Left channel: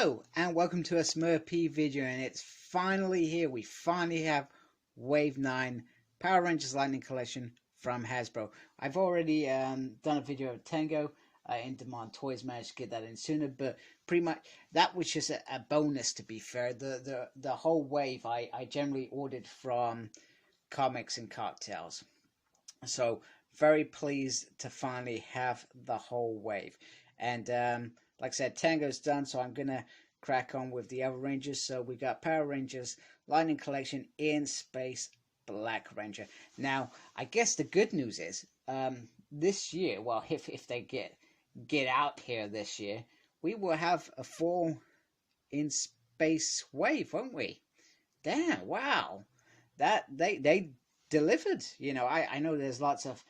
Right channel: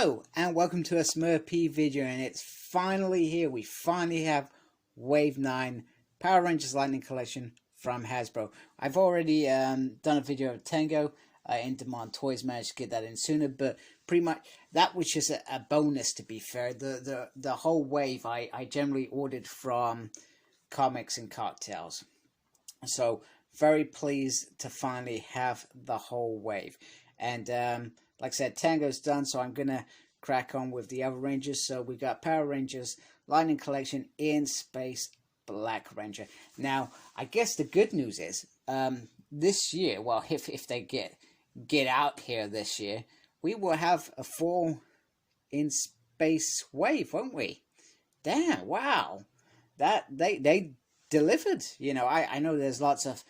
Hello and welcome to a Smurfy video, and it's finally here. We finally have Wave 9 Power Rangers Lightning Collection from Hasbro. I've already done a video of Tango. Intamon Toys managed to get that in sooner, but pretty much that was just a bonus, to be fair. The whole wave I generally ordered from Comics and Cocktails. So very pleased to finally have the whole wave. And like I said, Tango's done, so I'm gonna crack on with the other Rangers. So we got Power Rangers Lightning Collection in Space Black Ranger. Now, I guess the good news is this year, well, if they get out here this year, we will have a full in space wave, won't we? Damn! Wow, that they delivered. You know, I know there's lots of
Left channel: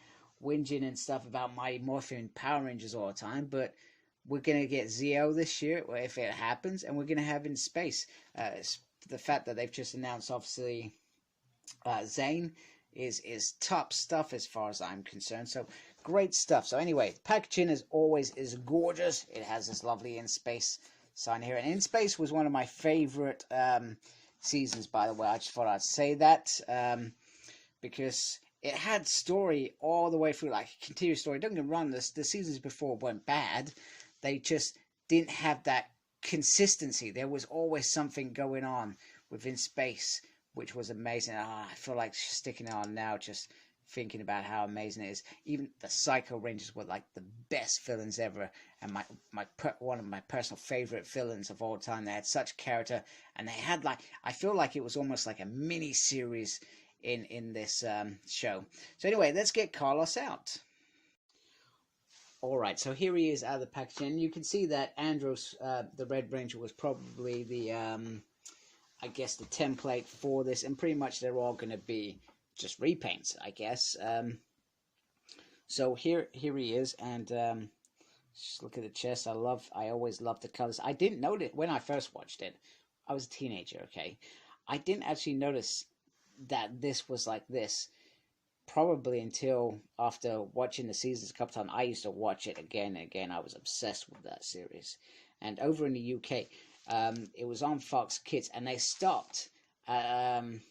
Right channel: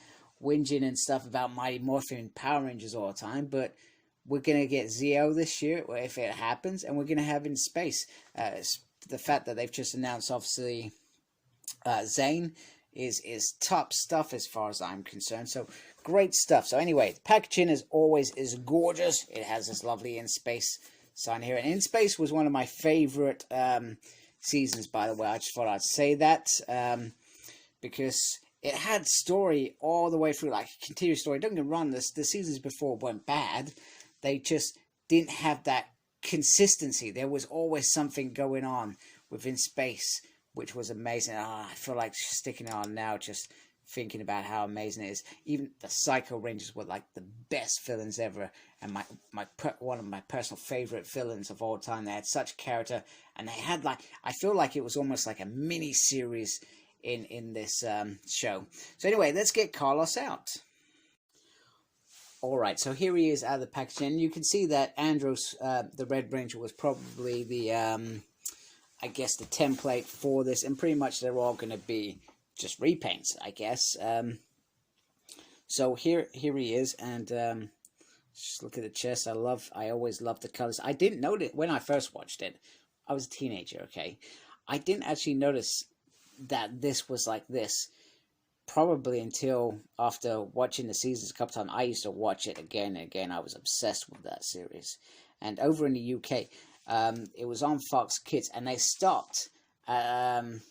whinging and stuff about my morphing Power Rangers all the time, but we're gonna get Zeo this year if it happens, and we're gonna have in space. The fact that they've just announced, obviously, Zane is top stuff as far as I'm concerned. So great stuff. So anyway, the packaging as always is gorgeous. It has this lovely in space sign here, and in space was one of my favorite seasons, by the way. I just thought I'd say that because it had story all the way through, like a continuous story. Don't get me wrong, the seasons before weren't bad. They just didn't have that consistency. There was always something going on within space, which was amazing. Oh, I feel like sticking it on now, just thinking about how amazing it is. Even the Psycho Rangers were like the best villains ever, and one of my personal favorite villains of all time. They had such character, and they had, like, I feel like it was almost like a mini series in this show. So anyway, let's get Carlos out. Alright, so here he is out of the packaging, and you can see that Andros, the Red Ranger, was probably the, I guess, the template for this, and pretty much they're all going to be just repaints, I guess. So here he is, and just look at the chest. I always love the colors. I didn't notice when I first watched it. I was a teenager, okay? I didn't actually notice that this was like this, probably until after watching the seasons a couple times. I used to watch it again and again. I was obsessed with that series. And over in the UK, it was on Fox Kids, and they stopped after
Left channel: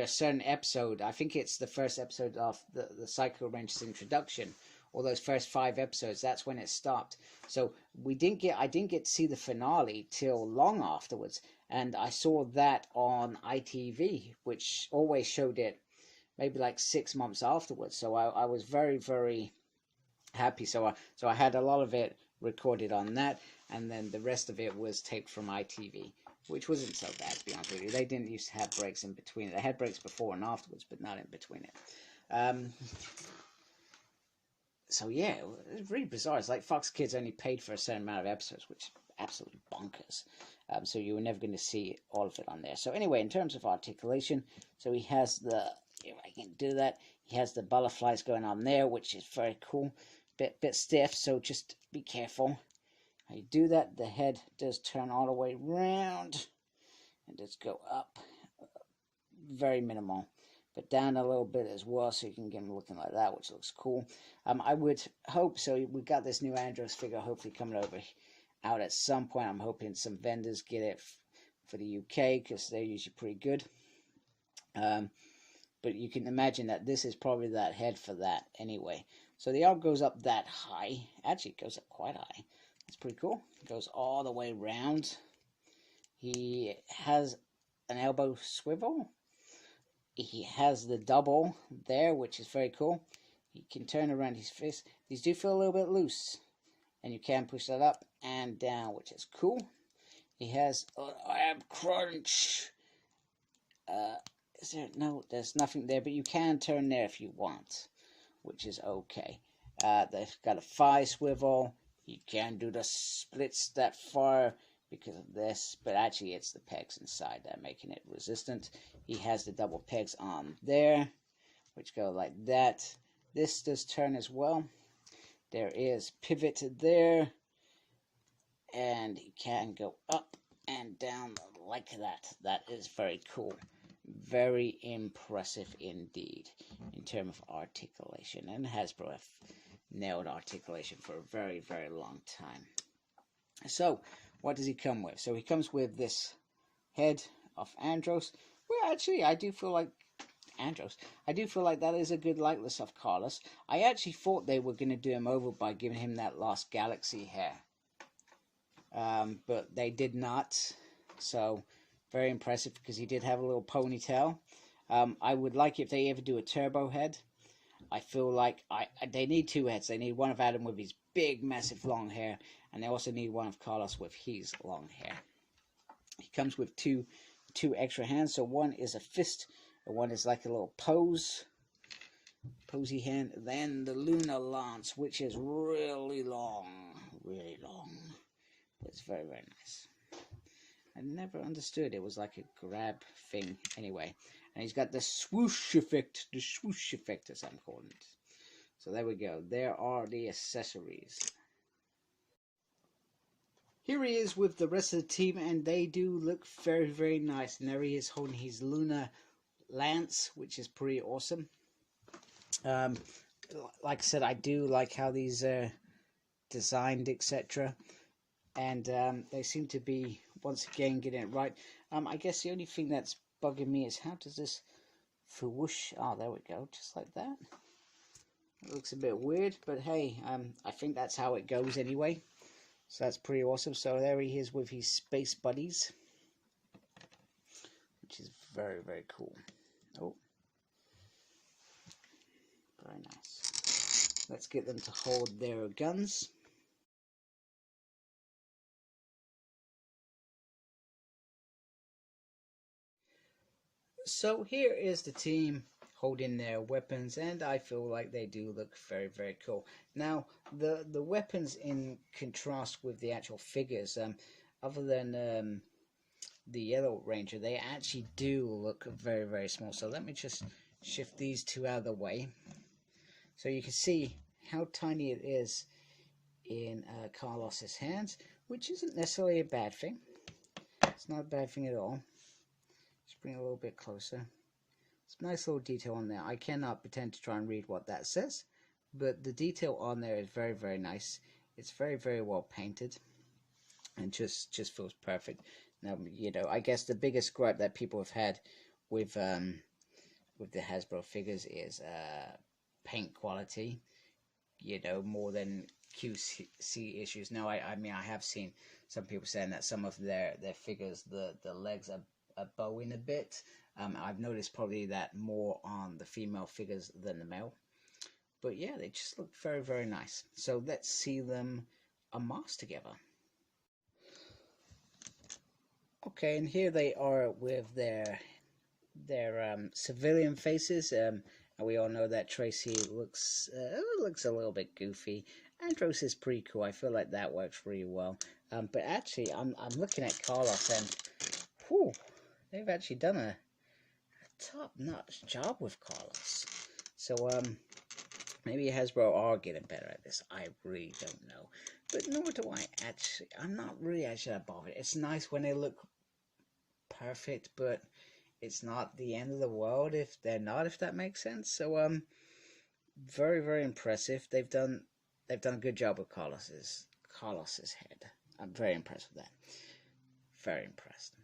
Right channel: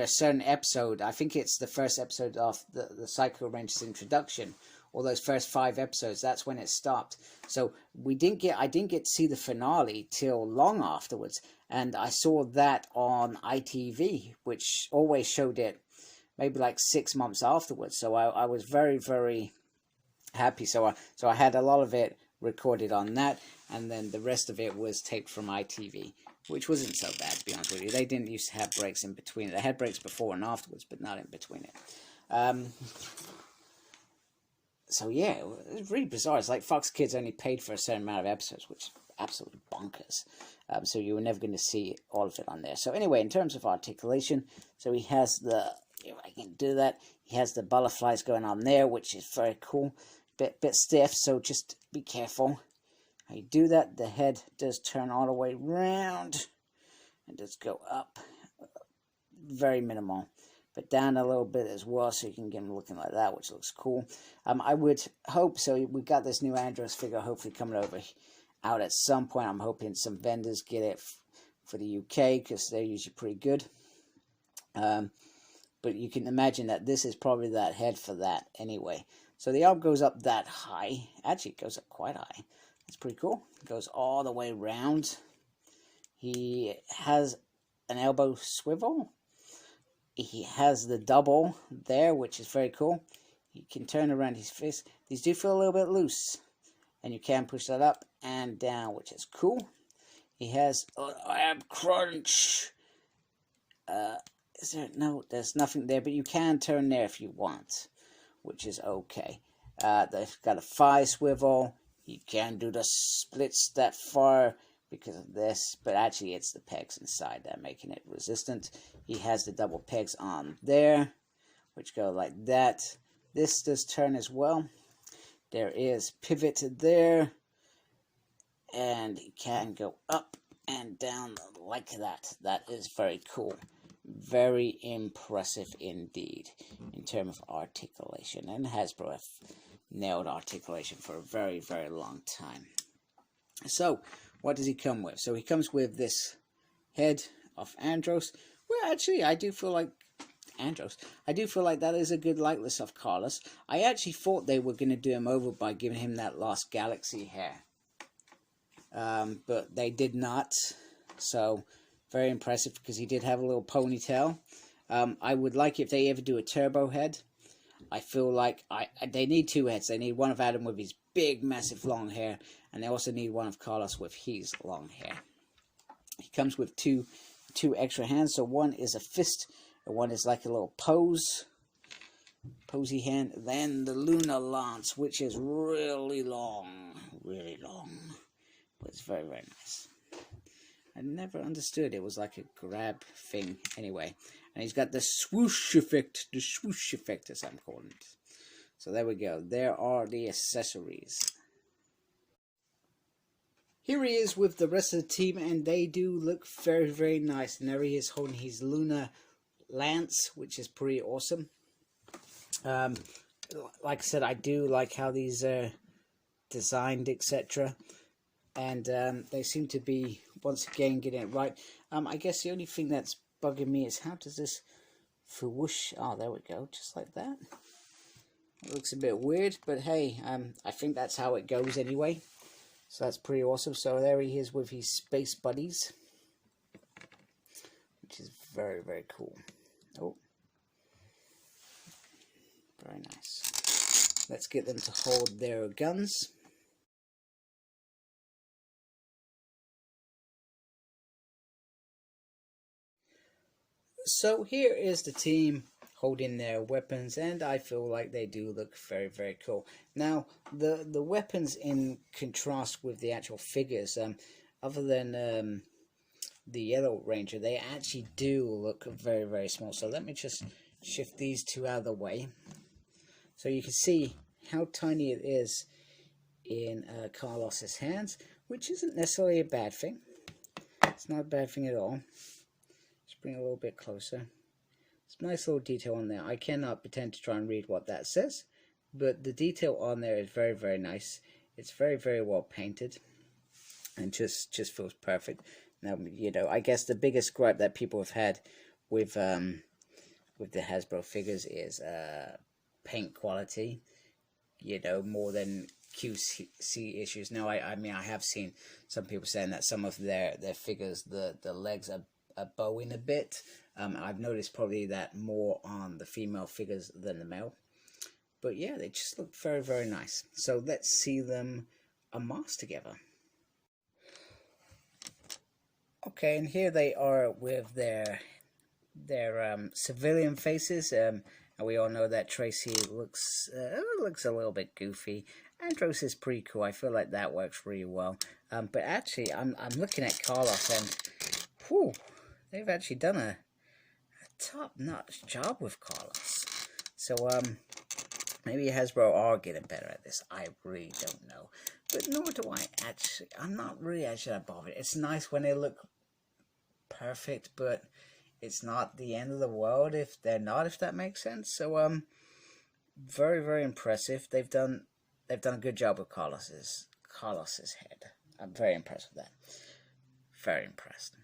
a certain episode. I think it's the first episode of the Psycho Rangers introduction, or those first 5 episodes. That's when it stopped. So I didn't get to see the finale till long afterwards, and I saw that on ITV, which always showed it maybe like 6 months afterwards. So I was very, very happy. So I had a lot of it recorded on that, and then the rest of it was taped from ITV, which wasn't so bad, to be honest with you. They didn't used to have breaks in between it. They had breaks before and afterwards, but not in between it. So yeah, it was really bizarre. It's like Fox Kids only paid for a certain amount of episodes, which is absolutely bonkers. So you were never going to see all of it on there. So anyway, in terms of articulation, so he has the, if I can do that, he has the butterflies going on there, which is very cool. Bit stiff, so just be careful how you do that. The head does turn all the way round and does go up, very minimal, but down a little bit as well, so you can get him looking like that, which looks cool. I would hope so. We got this new Andros figure hopefully coming over out at some point. I'm hoping some vendors get it for the UK, because they're usually pretty good. But you can imagine that this is probably that head for that anyway. So the arm goes up that high. Actually, it goes up quite high. That's pretty cool. It goes all the way around. He has an elbow swivel. He has the double there, which is very cool. He can turn around his fist. These do feel a little bit loose, and you can push that up and down, which is cool. He has an ab crunch. Is there? No, there's nothing there, but you can turn there if you want, which is okay. They've got a thigh swivel. You can do the splits that far because of this, but actually it's the pegs inside that are making it resistant. He has the double pegs on there, which go like that. This does turn as well. There is pivot there, and he can go up and down like that. That is very cool. Very impressive indeed in terms of articulation, and Hasbro have nailed articulation for a very, very long time. So what does he come with? So he comes with this head of Andros. Well, actually, I do feel like Andros. I do feel like that is a good likeness of Carlos. I actually thought they were going to do him over by giving him that Lost Galaxy hair. But they did not. So, very impressive because he did have a little ponytail. I would like if they ever do a turbo head. I feel like they need two heads. They need one of Adam with his big, massive, long hair. And they also need one of Carlos with his long hair. He comes with two extra hands. So one is a fist. And one is like a little posy hand. Then the Lunar Lance, which is really long. Really long. But it's very, very nice. I never understood it was like a grab thing anyway. And he's got the swoosh effect. The swoosh effect, as I'm calling it. So there we go. There are the accessories. Here he is with the rest of the team, and they do look very, very nice. And there he is holding his Lunar Lance, which is pretty awesome. Like I said, I do like how these are designed, etc. And they seem to be, once again, getting it right. I guess the only thing that's bugging me is how does this whoosh? Oh, there we go, just like that. It looks a bit weird, but hey, I think that's how it goes anyway. So that's pretty awesome. So there he is with his space buddies, which is very, very cool. Oh, very nice. Let's get them to hold their guns. So here is the team holding their weapons, and I feel like they do look very, very cool. Now, the weapons in contrast with the actual figures, other than the Yellow Ranger, they actually do look very, very small. So let me just shift these two out of the way. So you can see how tiny it is in Carlos's hands, which isn't necessarily a bad thing. It's not a bad thing at all. Just bring it a little bit closer. It's a nice little detail on there. I cannot pretend to try and read what that says, but the detail on there is very, very nice. It's very, very well painted, and just feels perfect. Now, you know, I guess the biggest gripe that people have had with the Hasbro figures is paint quality. You know, more than QC issues. Now, I mean, I have seen some people saying that some of their figures, the legs are bowing a bit. I've noticed probably that more on the female figures than the male. But yeah, they just look very, very nice. So let's see them unmasked together. Okay, and here they are with their civilian faces. And we all know that Tracy looks a little bit goofy. Andros is pretty cool. I feel like that works really well. But actually, I'm looking at Carlos, and whew, they've actually done a top-notch job with Carlos. So maybe Hasbro are getting better at this. I really don't know. But nor do I actually. I'm not really actually that bothered. It's nice when they look perfect, but it's not the end of the world if they're not, if that makes sense. So very, very impressive. They've done a good job with Carlos's head. I'm very impressed with that. Very impressed.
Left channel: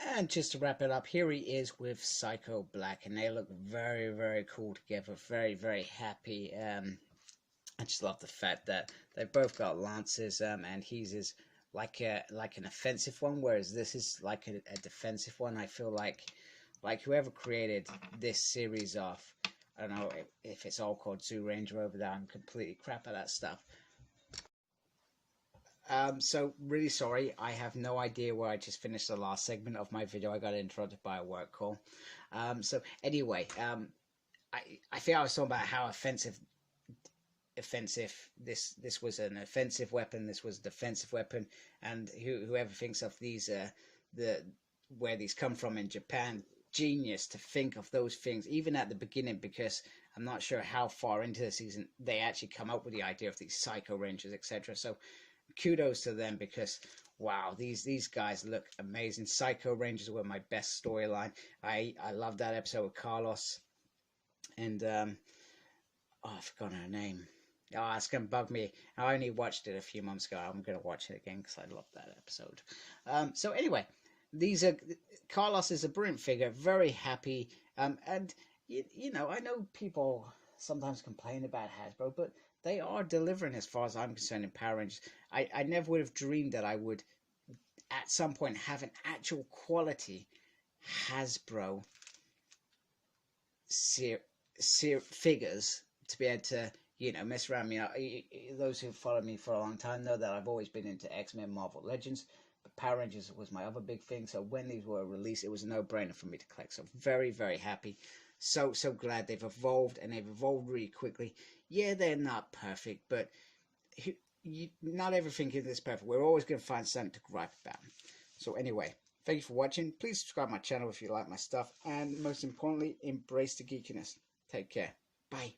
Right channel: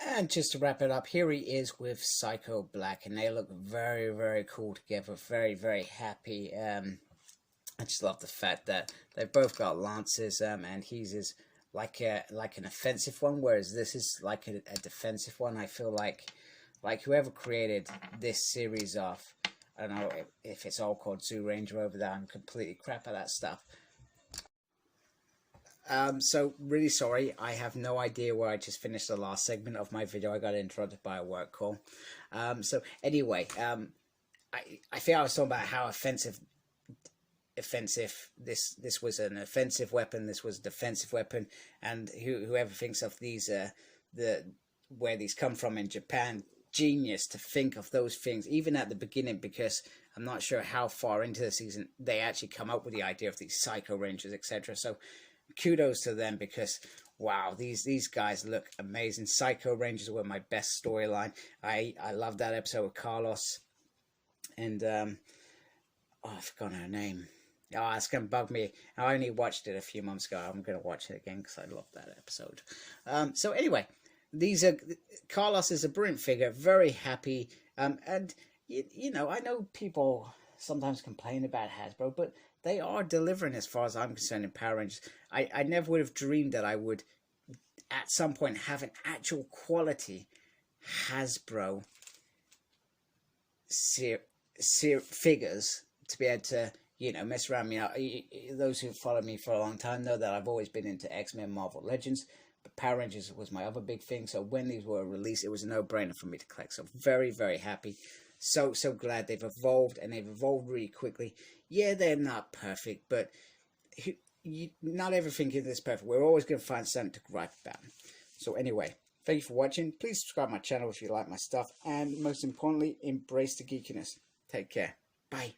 And just to wrap it up, here he is with Psycho Black, and they look very, very cool together. Very, very happy. I just love the fact that they've both got lances, and his is like an offensive one, whereas this is like a defensive one. I feel like whoever created this series of, I don't know if it's all called Zyuranger over there. I'm completely crap at that stuff. So really sorry, I have no idea where I just finished the last segment of my video. I got interrupted by a work call. So anyway, I think I was talking about how offensive this was an offensive weapon, this was a defensive weapon, and whoever thinks of these where these come from in Japan, genius to think of those things even at the beginning, because I'm not sure how far into the season they actually come up with the idea of these Psycho Rangers, etc. So kudos to them, because wow, these guys look amazing. Psycho Rangers were my best storyline. I love that episode with Carlos and oh, I've forgotten her name. Oh, it's going to bug me. I only watched it a few months ago. I'm going to watch it again because I love that episode. So anyway, these are Carlos is a brilliant figure, very happy. And you know, I know people sometimes complain about Hasbro, but they are delivering as far as I'm concerned in Power Rangers. I never would have dreamed that I would at some point have an actual quality Hasbro figures to be able to, you know, mess around. You know, those who follow me for a long time know that I've always been into X-Men, Marvel Legends, but Power Rangers was my other big thing. So when these were released, it was a no-brainer for me to collect. So very, very happy. So glad they've evolved, and they've evolved really quickly. Yeah, they're not perfect, but not everything is this perfect. We're always going to find something to gripe about. So anyway, thank you for watching. Please subscribe to my channel if you like my stuff, and most importantly, embrace the geekiness. Take care. Bye.